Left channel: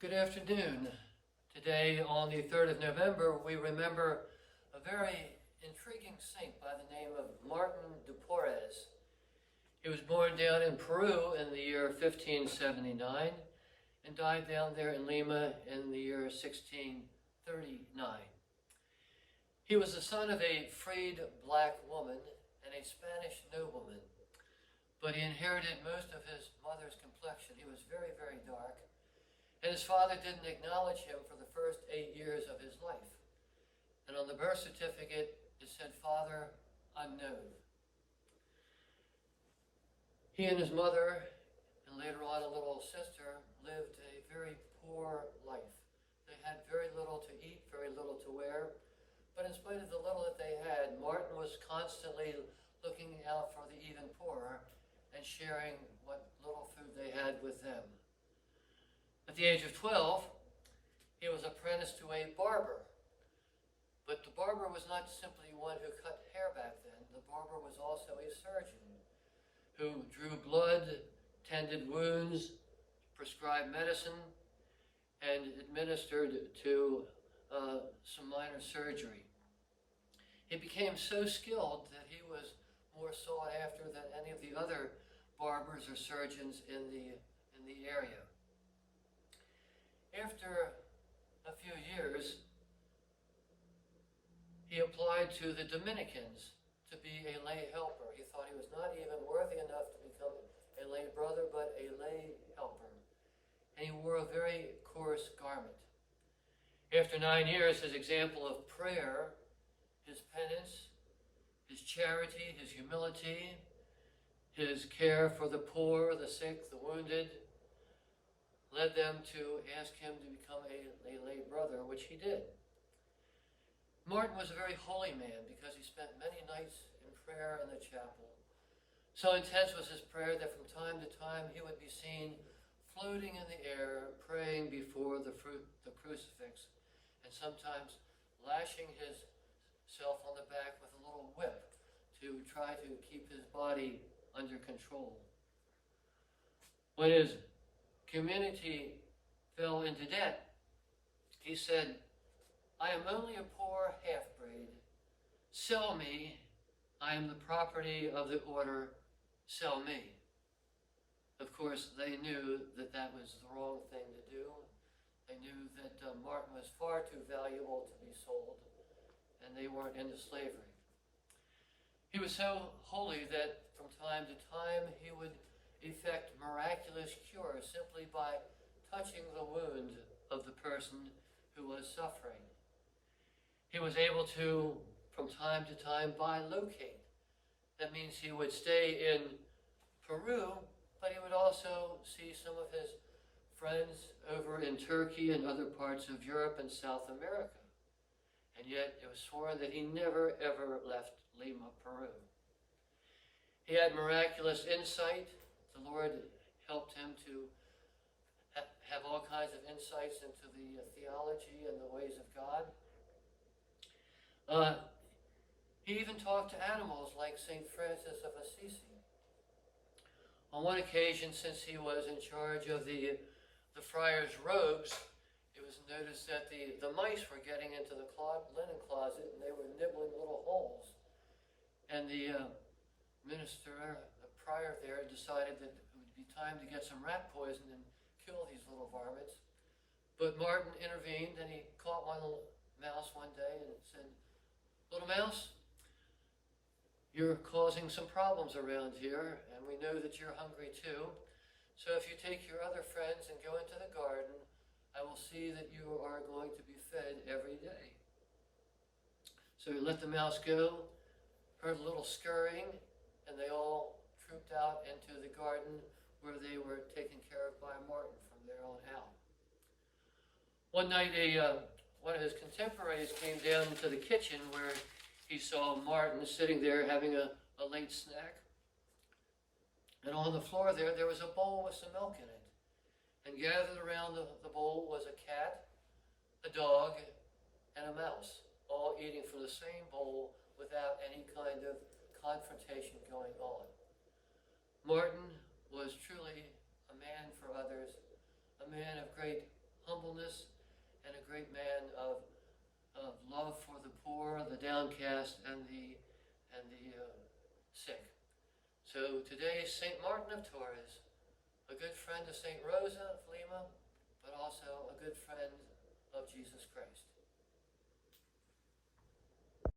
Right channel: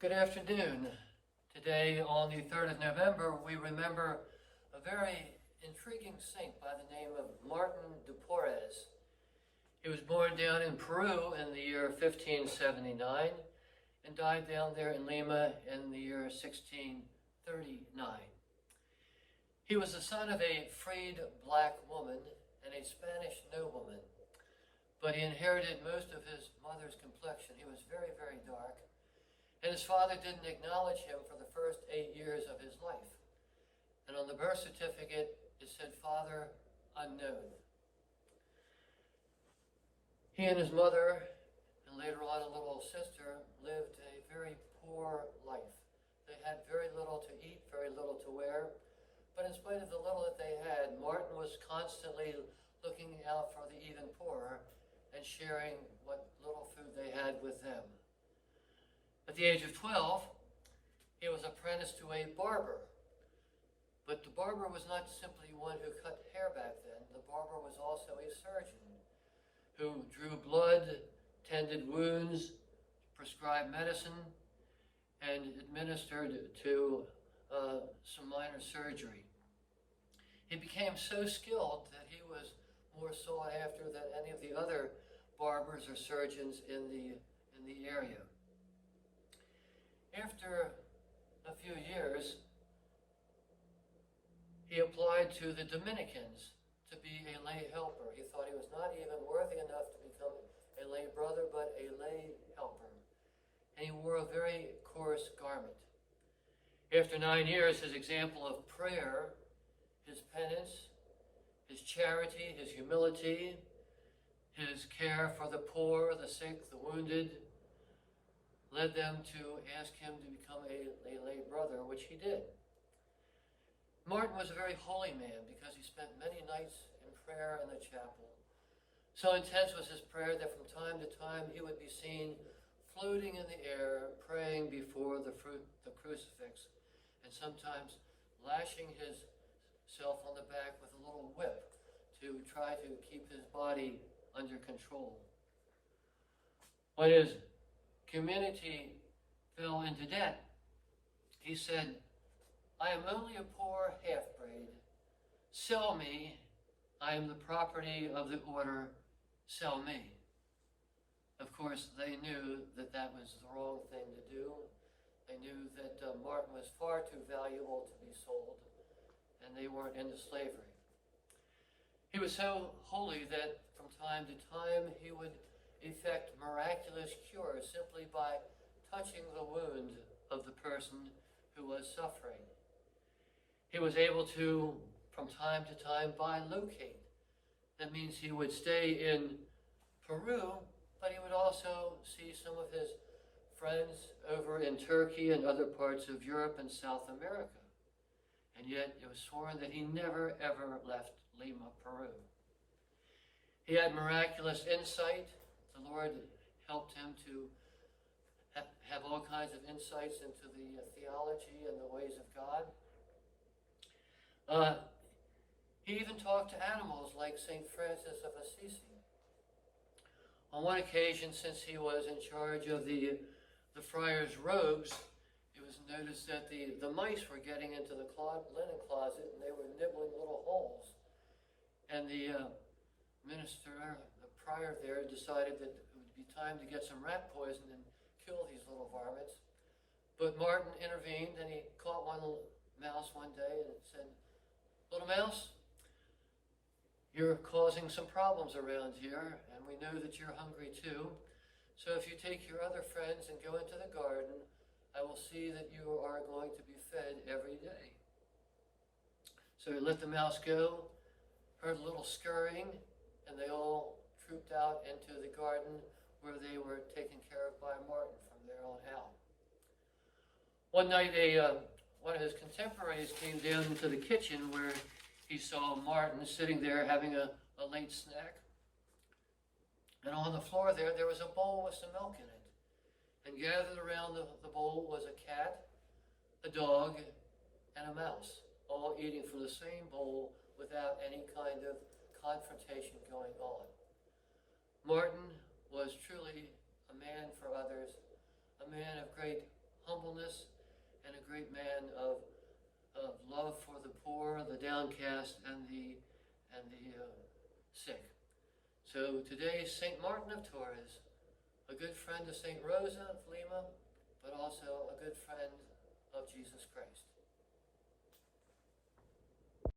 Good afternoon. Today, on the 3rd of November, we remember a very intriguing saint by the name of Martin de Porres. He was born down in Peru in the year 1579 and died down there in Lima in the year 1639. He was the son of a freed black woman and a Spanish nobleman, but he inherited most of his mother's complexion. He was very, very dark. And his father didn't acknowledge him for the first 8 years of his life. And on the birth certificate, it said father unknown. He and his mother, and later on a little sister, lived a very poor life. They had very little to eat, very little to wear. But in spite of the little that they had, Martin was constantly looking out for the even poorer and sharing what little food they had with them. At the age of 12, he was apprenticed to a barber. But the barber was not simply one who cut hair back then. The barber was also a surgeon who drew blood, tended wounds, prescribed medicine, and administered to some minor surgery. He became so skilled that he was more sought after than any of the other barbers or surgeons in the area. After a few years, he applied to the Dominicans to be a lay helper. He thought he was not even worthy enough to become a lay brother, but a lay helper. And he wore a very coarse garment. After 9 years, his example of prayer, his penance, his charity, his humility, his care for the poor, the sick, the wounded, led them to ask him to become a lay brother, which he did. Martin was a very holy man because he spent many nights in prayer in the chapel. So intense was his prayer that from time to time he would be seen floating in the air, praying before the crucifix, and sometimes lashing himself on the back with a little whip to try to keep his body under control. When his community fell into debt, he said, "I am only a poor half-breed. Sell me. I am the property of the order. Sell me." Of course, they knew that that was the wrong thing to do. They knew that Martin was far too valuable to be sold, and they weren't into slavery. He was so holy that from time to time he would effect miraculous cures simply by touching the wound of the person who was suffering. He was able to, from time to time, bilocate. That means he would stay in Peru, but he would also see some of his friends over in Turkey and other parts of Europe and South America. And yet it was sworn that he never, ever left Lima, Peru. He had miraculous insight. The Lord helped him to have all kinds of insights into the theology and the ways of God. He even talked to animals like St. Francis of Assisi. On one occasion, since he was in charge of the friars' robes, it was noticed that the mice were getting into the linen closet and they were nibbling little holes. And the prior there decided that it would be time to get some rat poison and kill these little varmints. But Martin intervened and he caught one mouse one day and said, "Little mouse, you're causing some problems around here, and we know that you're hungry too. So if you take your other friends and go into the garden, I will see that you are going to be fed every day." So he let the mouse go, heard a little scurrying, and they all trooped out into the garden where they were taken care of by Martin from there on out. One night, one of his contemporaries came down into the kitchen where he saw Martin sitting there having a late snack. And on the floor there was a bowl with some milk in it. And gathered around the bowl was a cat, a dog, and a mouse, all eating from the same bowl without any kind of confrontation going on. Martin was truly a man for others, a man of great humbleness and a great man of love for the poor, the downcast, and the sick. So today, St. Martin of Tours, a good friend of St. Rosa of Lima, but also a good friend of Jesus Christ.